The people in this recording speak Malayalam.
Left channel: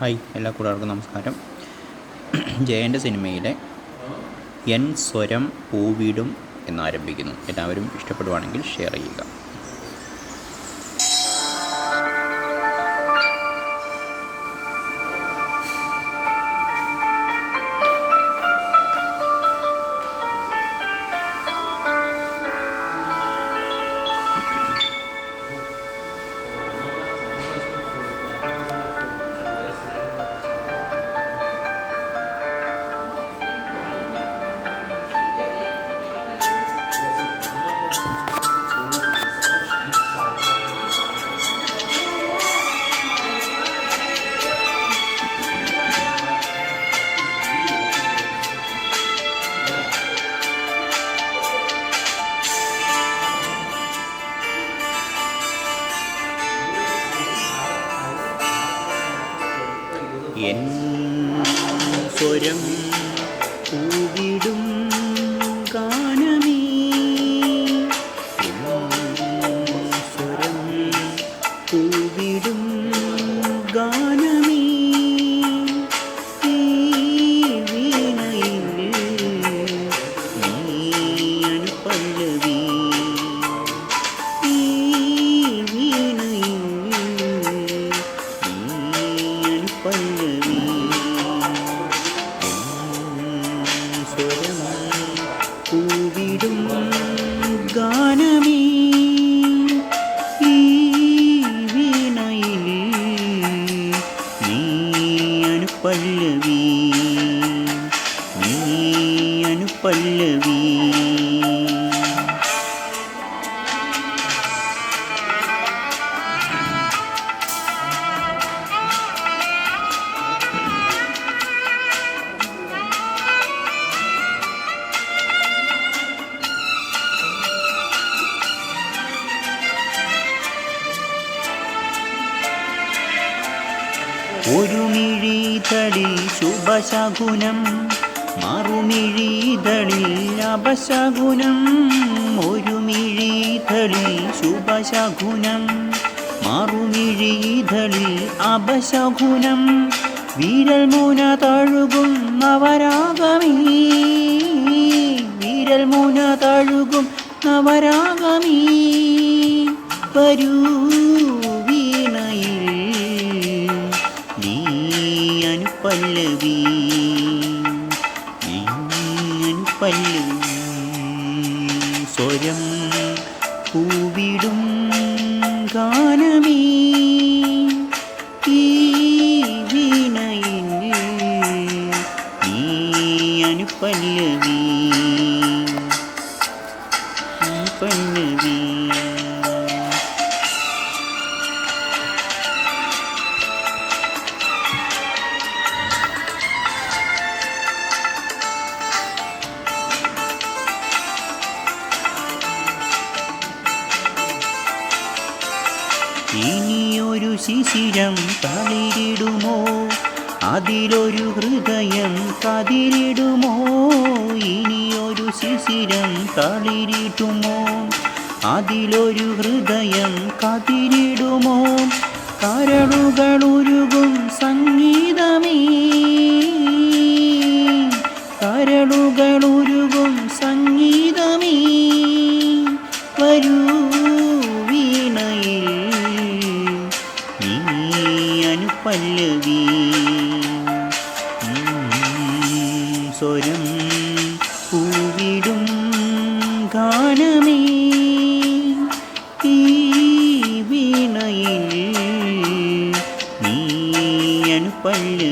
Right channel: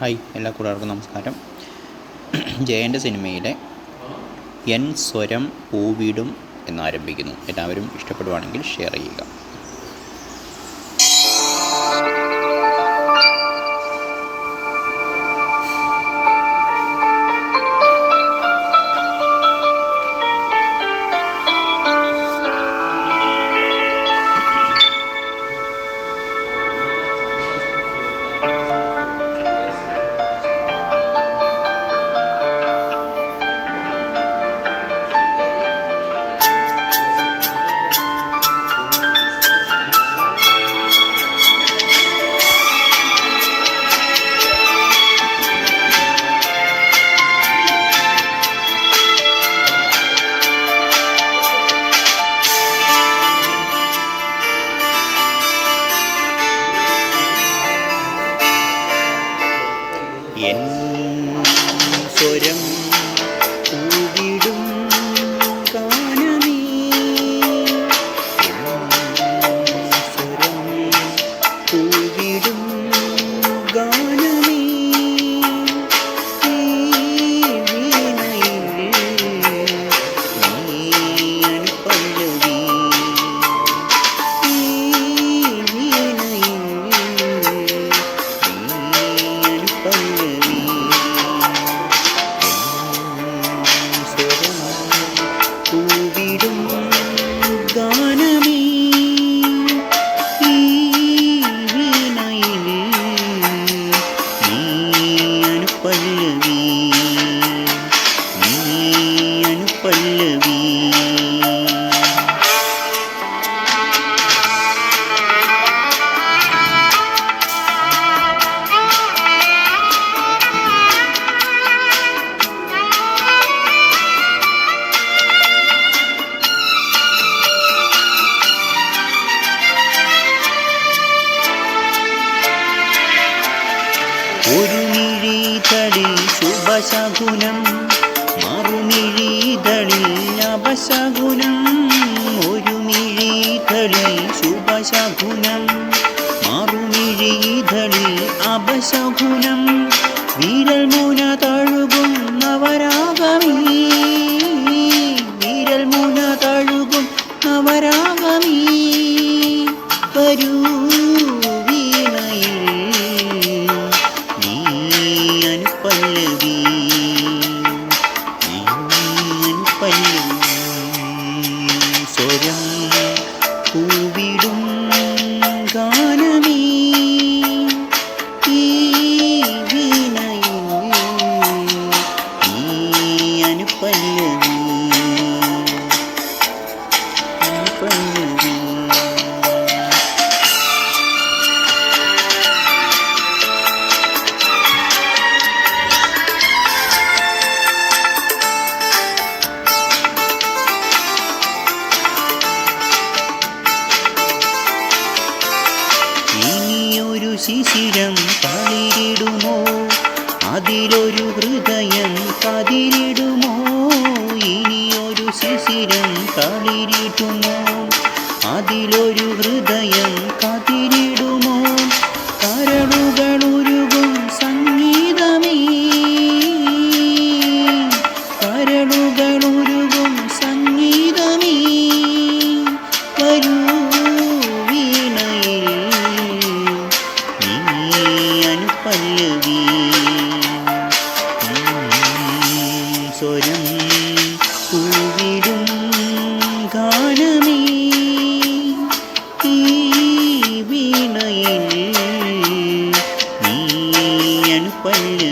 ഹായ് എല്ലാ കൂട്ടുകാർക്കും നമസ്കാരം. ജയന്റെ സിനിമയിലെ എൻ സ്വരം പൂവിടും എന്നാരംഭിക്കുന്നു. എല്ലാവരും ഇഷ്ടപ്പെടുവാണെങ്കിൽ ഷെയർ ചെയ്യുക. എൻ സ്വരം എൻ സ്വരം പൂവിടും ഗാനമേ ഈ വീണയിൽ ഒരു മിഴിതളിൽ ശുഭശകുനം മറുമിഴിതളിൽ അപശകുനം ഒരു മിഴിതളിൽ ശുഭശകുനം മറുമിഴിതളിൽ അപശകുനം. വിരൽ മൂന തഴുകും നവരാഗമേ വിരൽ മൂന തഴുകും നവരാഗമേ വരൂ. അനുപല്ലവി സ്വരം പൂവിടും. ശിശിരം തളിരിടുമോ? അതിലൊരു ഹൃദയം കതിരിടുമോ? ഇനിയൊരു ശിശിരം തളിരിടുമോ അതിലൊരു ഹൃദയം കതിരിടുമോ? കരളുകളുരുകും സംഗീതമേ അനുപല്ലവി ഉം, സ്വരം പൂവിടും ഗാനമേ. ഈ വീണയിൽ നീ അനുപല്ലവി